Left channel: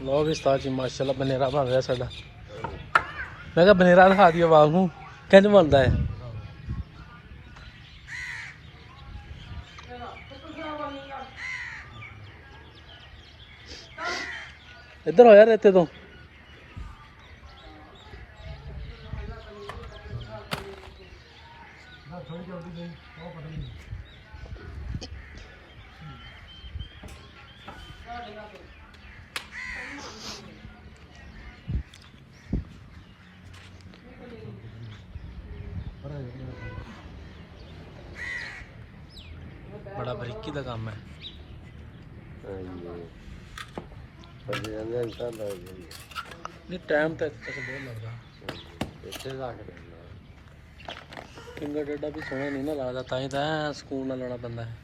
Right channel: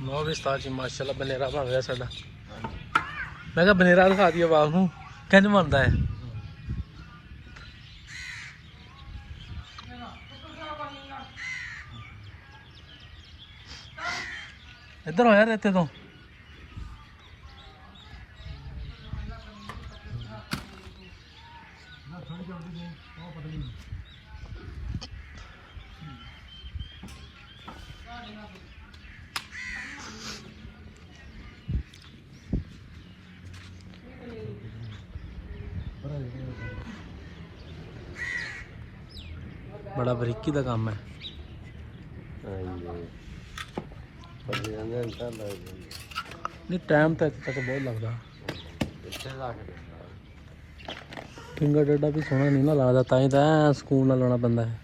लो भी उस्ताद जी माशाल्लाह बनेरा बन रहा साडा। मैं कहा बनेरा दिखा दिया बाप नूं किंज बनदा है। इधर हो यार रेते तो बड़ा बरीकी का काम है। नहीं टाइम तो इत्थे तक बहुत लगता। फिंगर डेडा भी सोहना नहीं ना लगता, तां ही तो सुकून नाल लाना पैंदा है।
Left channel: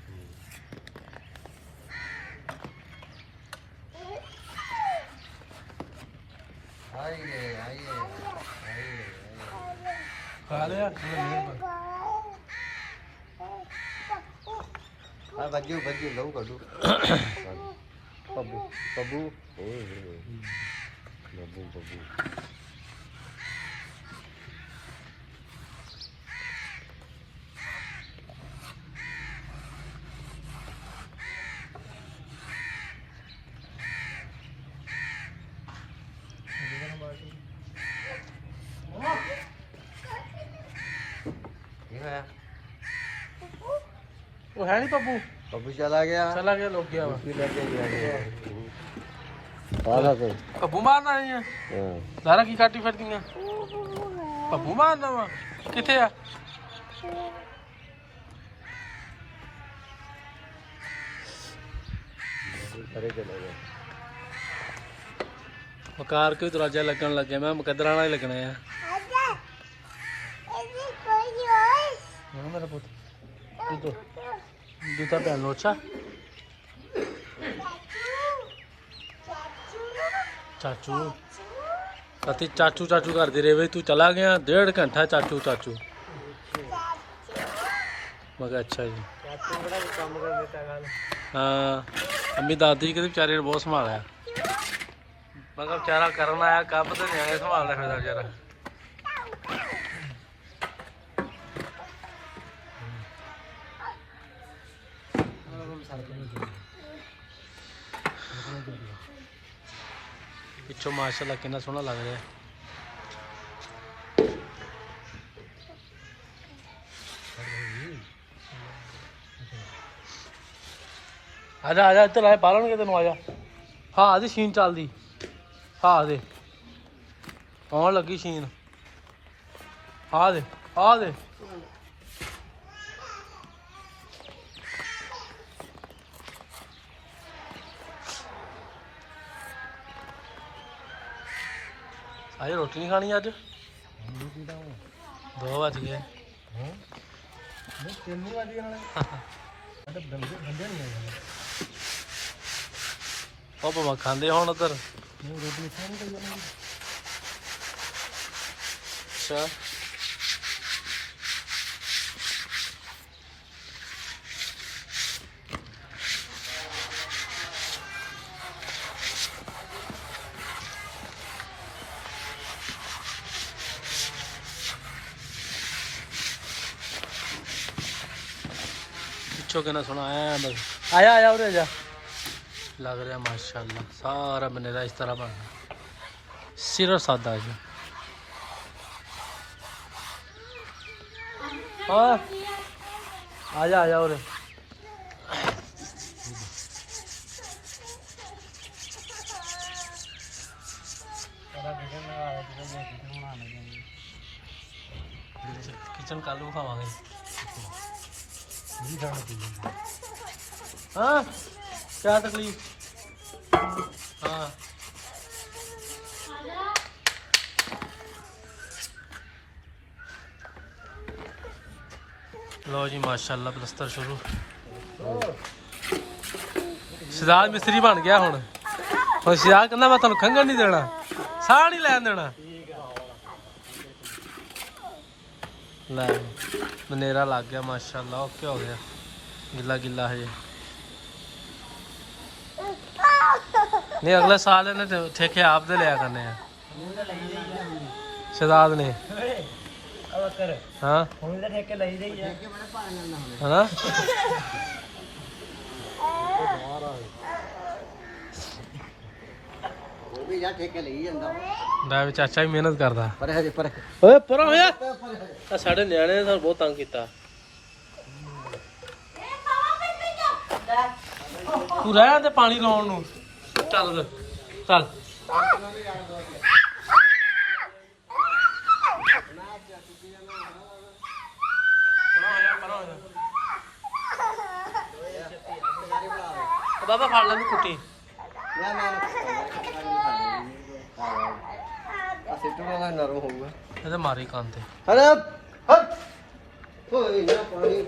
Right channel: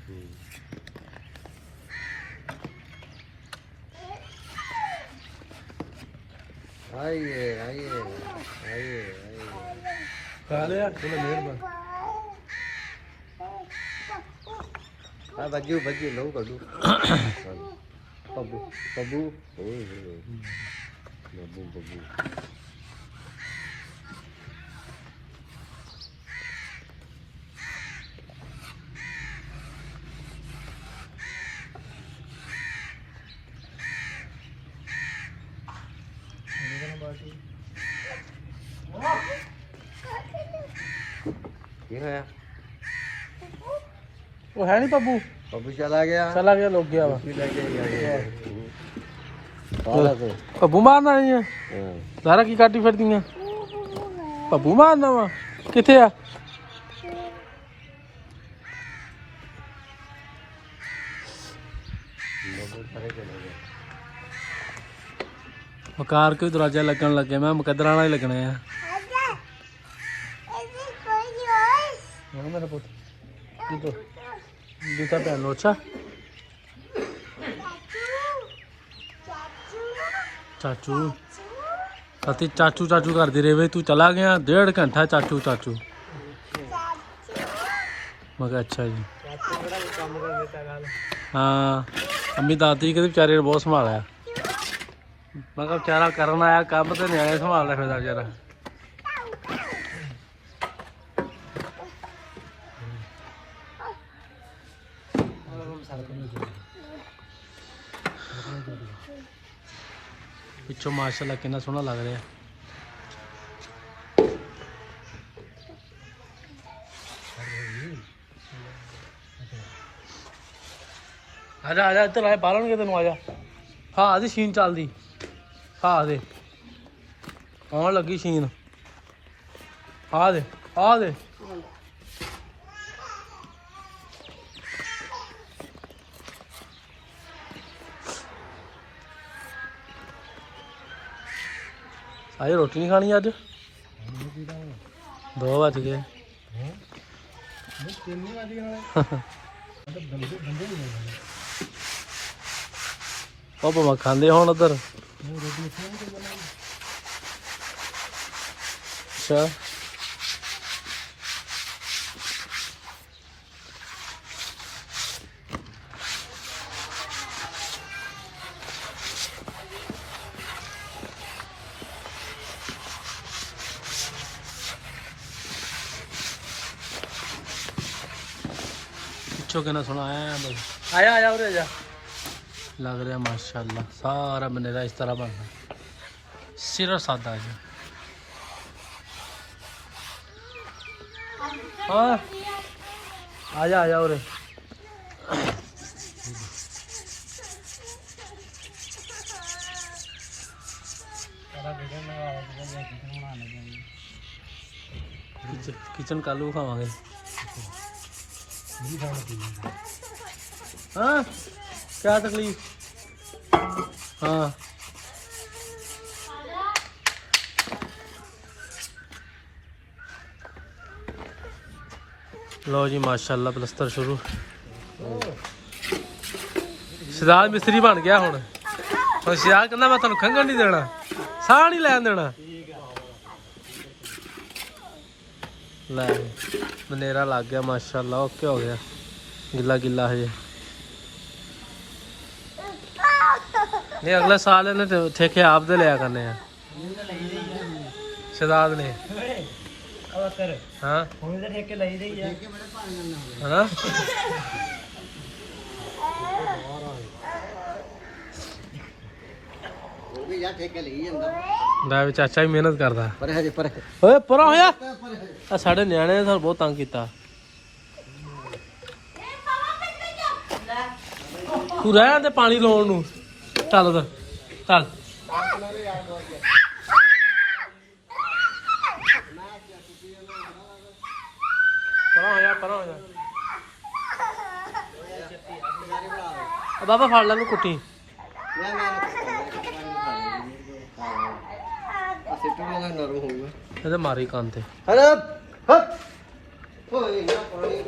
खा लिया बज्जू बज्जू लहू कड्डू बब्बू बब्बू बब्बू बब्बू वो है नहीं पप्पू। बब्बू चला गया लोग गया वा पप्पू मारना नहीं है सारा की काटी फिर दियां पप्पू मारना वा किथे आ मकार के दरवाजे लगन लगे मैं मुकदरा वाला ही लगने हैं। मेरा पुत्र जूता पहन लो। अच्छा चाचू अति चाचू चाचू करती रही भाई तू चला गया 1.5 घंटा चाचू चाचू। मैं अच्छा जी हाँ अम्मी दादी के बेचारे ने बहुत संभाला। मैं बेचारा करन आया काम तो नहीं आया संभाल रहा फिर बेचारा। पिछों माशाल्लाह कितना सोहना लग रहा है। आजा आजा इधर आए पालन के तेन आजा। हाँ आदि शीन चलती हाँ दे आन लगी शीन आ दे आज रोटी नहीं खानी अज 2 बज गए। भावें खाते हो उधर अच्छा कहना सुना आया आया आया उधर जा लग रहा माशाल्लाह सारा बनेरा इस तरह बनना सिर्फ सादा है। हाँ आजा आजा उरे किचन कालू खावांगे। हाँ क्या तकलीफ हाँ लो जी माशाल्लाह प्लस्तर शुरू। सिराज मिस्त्री बन गया हुण सिराज कहना मैं तुहानूं खंघण नहीं देना साह नहीं लैन देना। लै बनेरा लग गया माशाल्लाह ओके हो गया गिला गिला हजे ਨਹੀਂ ਅਗਲੇ ਸਾਲ ਇਹਨੇ ਤੇ ਠੇਕੇ ਆਪ ਦੇ ਲਿਆ ਕਰਨੇ ਆ ਸ਼ਹਜ਼ਾਦ ਨੇ ਹਾਂ ਹੁਣ ਤਾਂ ਠੇਕੇ ਲਈ ਦੇ ਆ ਹਨਾ ਉਹ ਵੀ ਯਾਰ ਠੇਕੇ ਲਈ ਜਾਂਦਾ ਦਾ ਵੀ ਚਾਚਾ ਵੀ ਮਿਹਨਤ ਕਰਦਾ ਪਰ ਹਜੇ ਪਰ ਓਏ ਪਰਾ ਹੋਇਆ ਆ ਸਾਡੇ ਨਿਆਣੇ ਨੇ ਸਾਨੂੰ ਬਹੁਤ ਤੰਗ ਕੀਤਾ ਤੂੰ ਰਹਿ ਜਾਂਦੇ ਪਾਣੀ ਲਾਉਣ ਨੂੰ ਚੱਲ ਉਧਰ ਚੱਲ ਪਰਾਂ ਹੋ ਜਾ ਬਾਬਾ ਫੜ ਲੈ ਨੂੰ ਕੁੱਟੀ ਨਾ ਨਾ ਅਸੀਂ ਟੋਣਾ ਨਰਮ ਹੋਊਗਾ ਇਹਦੇ ਮਾਰੀ ਕੰਨ ਤੇ ਹਲੇ ਹੱਥ ਕੋਈ ਨਾ ਪਾਣੀ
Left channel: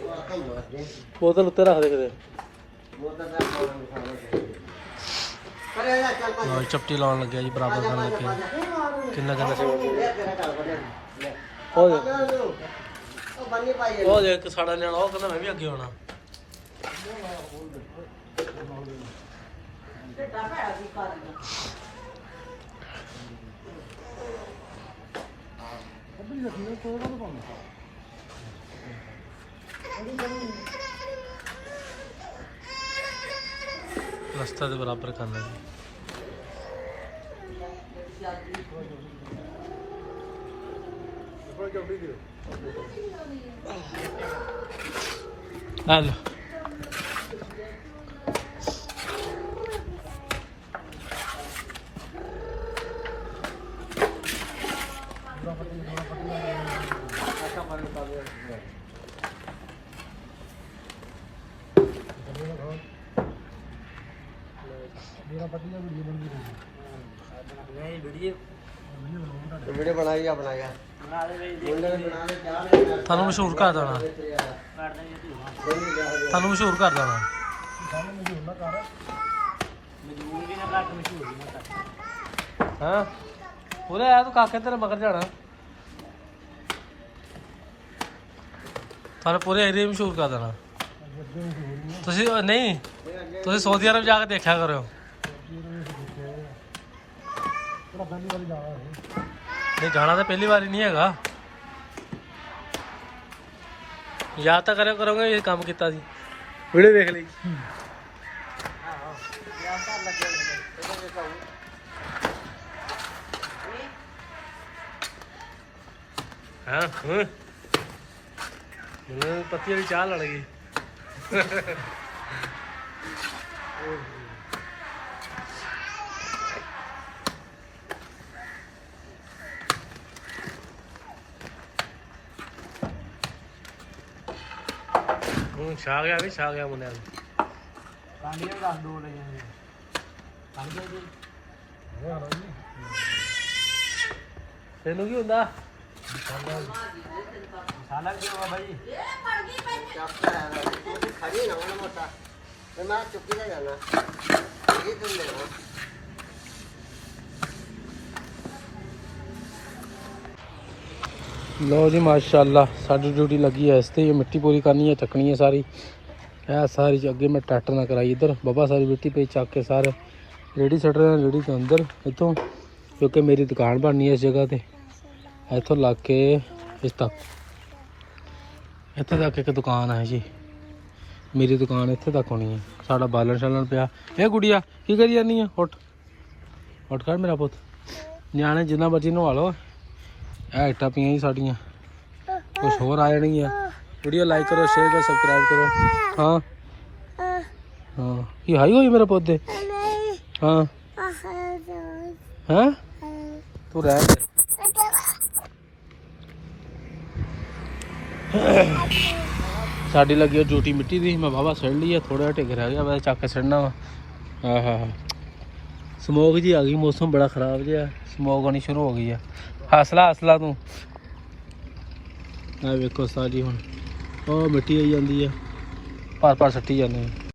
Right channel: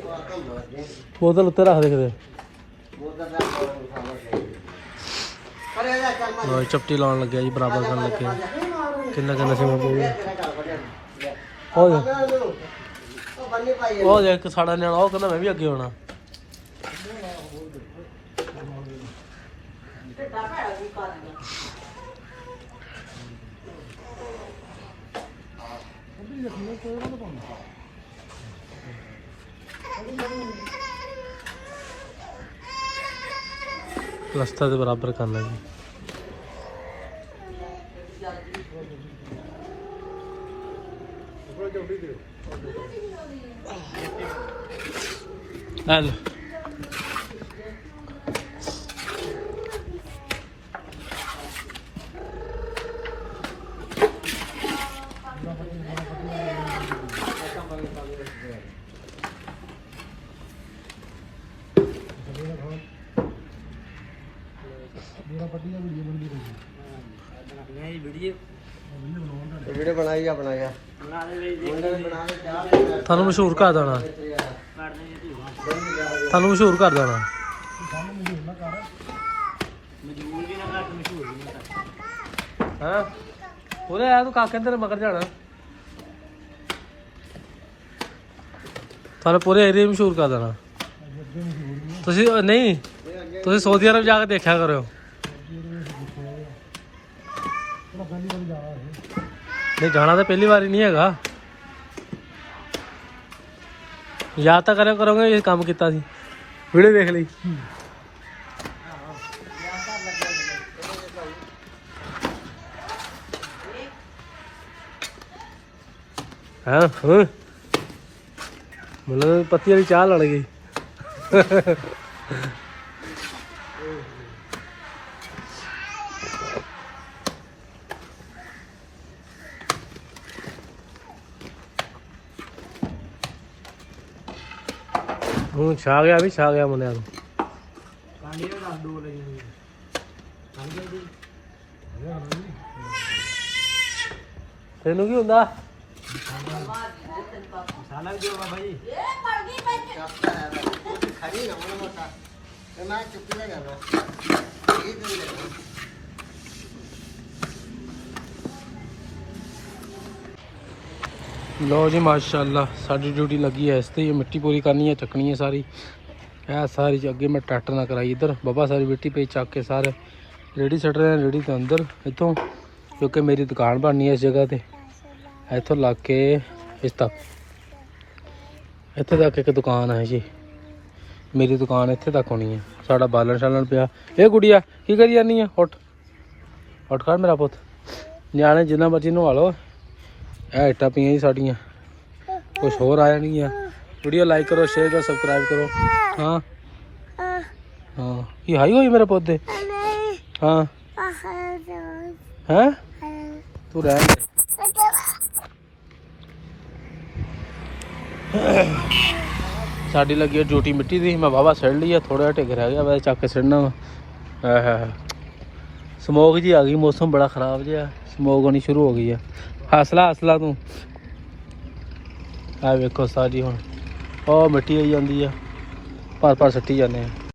ਬੋਤਲ ਉੱਤੇ ਰੱਖ ਦੇ ਕਿਤੇ ਲੋ ਚਪਟੀ ਲਾਉਣ ਲੱਗਿਆ ਜੀ ਬਰਾਬਰ ਕਰਨ ਲੱਗਿਆ ਕਿੰਨਾ ਕਿੰਨਾ ਸੀ ਉਹ ਦੇਖ ਸਾਡਾ ਨਿਆਣਾ ਉਹ ਕਹਿੰਦਾ ਮੈਂ ਵੀ ਅੱਗੇ ਹੋਣਾ ਪਲਸਤਰ ਦੇ ਬਰਾਬਰ ਕਰਨਾ ਜੀ ਆ ਲੈ ਵੀਡੀਓ ਬਣਾਈ ਆ ਬਣਾ ਗਿਆ ਤੁਹਾਨੂੰ ਮਸ਼ਹੂਰ ਕਰ ਦੇਣਾ ਤੁਹਾਨੂੰ ਮਸ਼ਹੂਰ ਕਰ ਦੇਣਾ ਹਾਂ ਉਹਦੇ ਆਇਆ ਤੂੰ ਕਾਕੇ ਤੇਰੇ ਮਗਰ ਜਾਣਾ ਤੁਹਾਨੂੰ ਪੂਰੇ ਏਰੀਆ ਮਸ਼ਹੂਰ ਕਰ ਦੇਣਾ ਤੁਸੀਂ ਨਹੀਂ ਤੁਸੀਂ ਸਾਊਦੀ ਅਰਬ ਜਾ ਕੇ ਦੇਖਿਆ ਕਰਿਓ ਨਹੀਂ ਜਾਣਾ ਤਾਂ ਪਹਿਲੀ ਵਾਰੀ ਨਹੀਂ ਹੈਗਾ ਯਾਦ ਤਾਂ ਕਰਿਆ ਕਰੋਗੇ ਇਹ ਕੰਮ ਕੀਤਾ ਸੀ ਵੀਡੀਓ ਦੇਖ ਲਈ ਹਾਂ ਓਏ ਮੈਨੂੰ ਪੱਤੀ ਵਾਲੀ ਚਾਹ ਲੜ ਗਈ ਹੁਣ ਛਾ ਗਿਆ ਵੀ ਛਾ ਗਿਆ ਮੁੰਡਿਆਂ ਨੂੰ ਕਾਂਡੀਆਂ 10 2 ਲੈ ਜਾਂਦੇ ਤੈਨੂੰ ਕੀ ਹੁੰਦਾ ਸਾਲਾ ਵੀ ਹੋਗਾ ਭਾਈ ਮੈਂ ਚੁੱਪ ਨਾ ਜਾਣਾ ਇਹ ਵੀ ਲੈ ਲੋ ਜੀ ਮਾਸ਼ਾਅੱਲਾ ਸਾਡੀ ਡਿਊਟੀ ਲੱਗੀ ਹੈ ਇਸ ਤੇ ਮਿੱਟੀ ਪੂਰੀ ਕਰਨੀ ਹੈ ਚੱਕਣੀ ਹੈ ਸਾਰੀ ਇਹ ਸਾਰੀ ਅੱਗੇ ਮੈਂ ਟਰੈਕਟਰ ਨਾਲ ਕਰਾਈ ਇੱਧਰ ਬਾਬਾ ਸਾਰੀ ਮਿੱਟੀ ਪੇ ਚੱਕ ਕੇ ਸਾਰੇ ਰੇੜੀ ਸੱਟ ਰਹੇ ਨੇ ਰੇੜੀ ਦੇ ਅੰਦਰ ਇੱਥੋਂ ਕਿਉਂਕਿ ਮੇਰੀ ਦੁਕਾਨ ਬਣਨੀ ਹੈ ਇਸ ਜਗ੍ਹਾ ਤੇ ਇੱਥੋਂ ਲੱਗ ਕੇ ਇਸ ਤੱਕ ਇੱਥੇ ਤੱਕ ਇੱਕ ਦੁਕਾਨ ਹੈ ਜੀ ਮੇਰੀ ਦੁਕਾਨ ਇੱਥੇ ਤੱਕ ਹੋਣੀ ਹੈ ਸਾਡਾ ਬਾਲਣ ਸ਼ਾਲਣ ਪਿਆ ਇਹ ਗੁੜੀਆ ਕੀ ਕਰੀ ਜਾਂਦੀ ਹੈ ਉੱਠ ਕਰ ਮੇਰਾ ਪੁੱਤ ਨਿਆਣੇ ਜਿੰਨਾ ਮਰਜ਼ੀ ਨਵਾ ਲਓ ਇਹ ਇੱਟਾਂ ਪਈਆਂ ਜੀ ਸਾਡੀਆਂ ਕੁਛ ਹੋਰ ਆ ਜਾਣਗੀਆਂ ਵੀਡੀਓ ਲਾਈਕ ਕਰੋ ਸ਼ੇਅਰ ਕਰੋ ਸਬਸਕ੍ਰਾਈਬ ਕਰੋ ਹਾਂ ਹਾਂ ਕੀ ਹਾਈ ਹੋਈ ਮੇਰੇ ਪੌਦੇ ਹਾਂ ਹੈ ਤੂੰ ਰਹਿ ਸਾਡੀ ਲੱਗੀ ਡਿਊਟੀ ਮਿੱਟੀ ਦੀ ਮੈਂ ਵਾਹਵਾ ਸਿੜ ਲਈ ਆ ਥੋੜਾ ਢਿੱਗ ਰਹਿ ਗਿਆ ਵੈਸੇ ਚੱਕ ਕੇ ਸਿੜਨਾ ਹਾਂ ਸਮੋਕ ਜੀ ਆ ਗਈ ਮੌਸਮ ਬੜਾ ਖਰਾਬ ਜਿਹਾ ਸਮੋਕ ਹੋਣੀ ਸ਼ੁਰੂ ਹੋ ਗਈ ਆ ਹਸਲਾ ਤੂੰ ਆ ਵੇਖੋ ਸਾਰੀ ਹੁਣ ਉਹ ਮਿੱਟੀ ਆਈ ਜਾਂਦੀ ਆ ਆਪਾਂ ਸੱਟੀ ਜਾਂਦੇ ਆ